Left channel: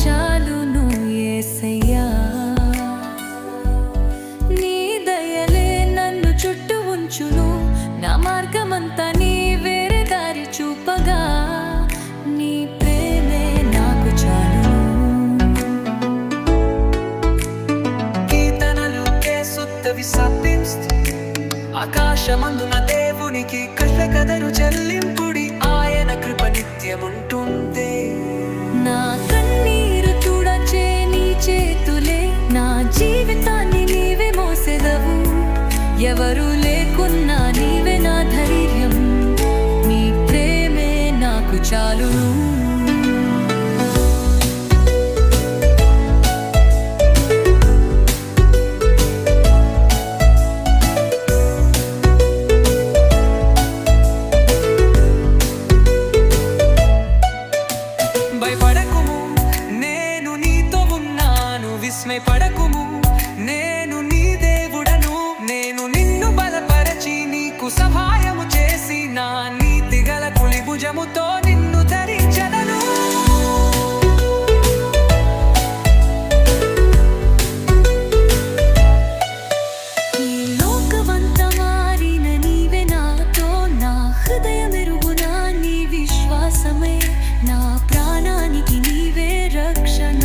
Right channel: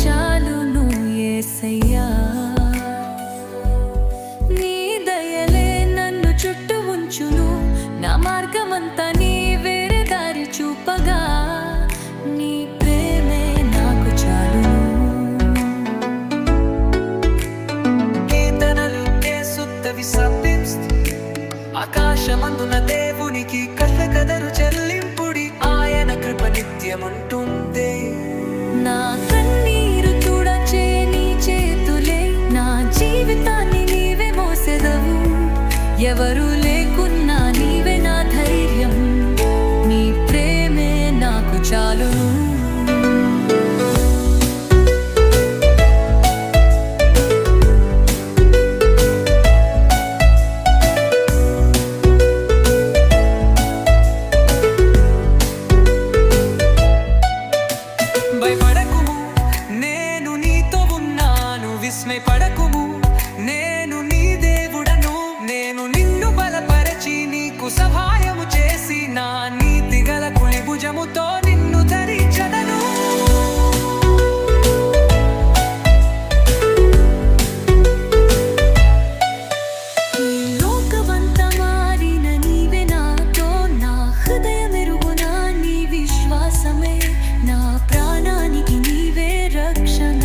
చాలును యేసయ్యా. నీ దయలే నన్ను చుట్టూ ఉంచును, నా మార్గమంతా నీ వేరే దారి చూపగా. నీ ప్రేమే నాకు చాలును. కీర్తనలు యేసుత్తవి సత్తింస్తు, ఆకాశమందున దేవునికి కృతజ్ఞతలు చెల్లింపుడి. ఆయన కృప నిత్యముంటుంది. నా కన్నీరు తుడచే నీ చేతులే, నా జీవితాన్ని నీవే మోసెదవు. ఎవరు లేకున్నా నీవే నా ధైర్యం, నీ ప్రేమే నాకు చాలును. భయపడకుము, నేను నీతో ఉన్నాను. విస్మయపడకుము, నేను నీ దేవుడను. నేను నిన్ను బలపరచి నీకు సహాయము చేసి, నా నీతి గల కుడి భుజముతో నిన్ను ధరించదను. ఈ లోకమంతా మారిన నీవే నాతో, నా హృదయమెరుగున నీ విశ్వాసమే నా ప్రాణానికి నీవే రక్షణ.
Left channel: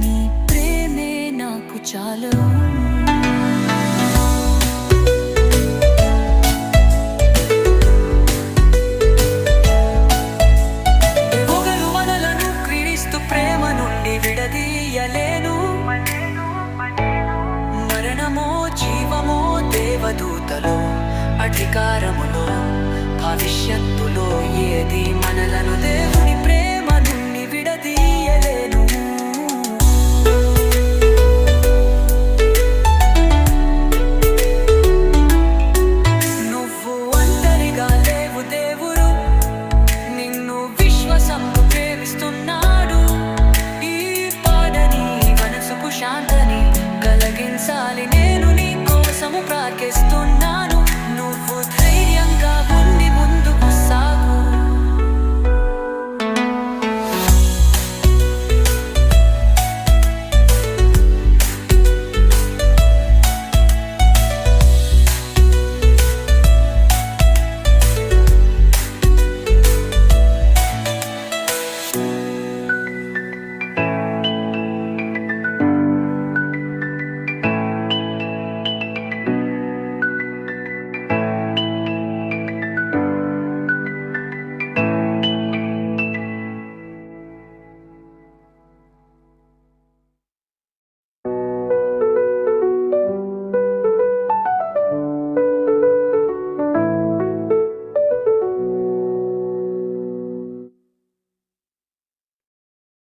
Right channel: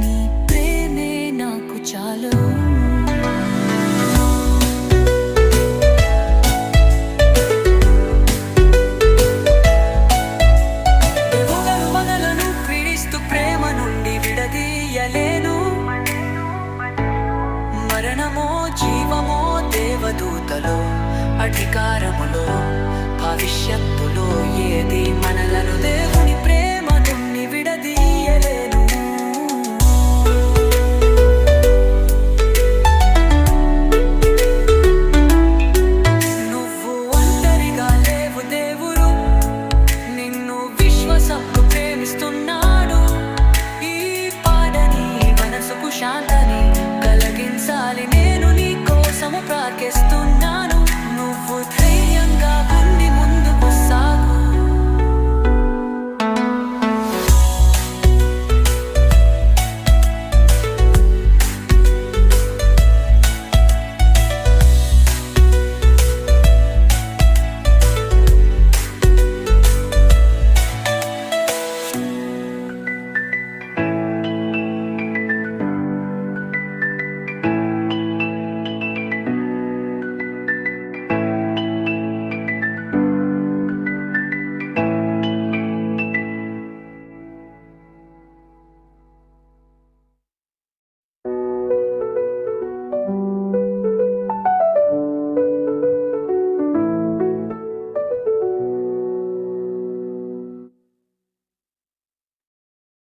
నీ ప్రేమే నాకు చాలు. పొగలు మనలను క్రీస్తు ప్రేమ నుండి విడదీయలేను. మరణమో జీవమో దేవదూతలో అధికారములో భవిష్యత్తులో ఏది మనలను దేవుని ప్రేమ నుండి విడదీయలేను. నువ్వు ఒంటరిగా లేవు, దేవుడు నిన్ను విశ్వాసంతో ప్రేమిస్తున్నాడు. ఈ పాడని మనసుకు శాంతని కలిగించాలి, నేను నీ కోసము ప్రార్థిస్తున్నాను. నువ్వు ధైర్యంగా ఉండి ముందుకు సాగు.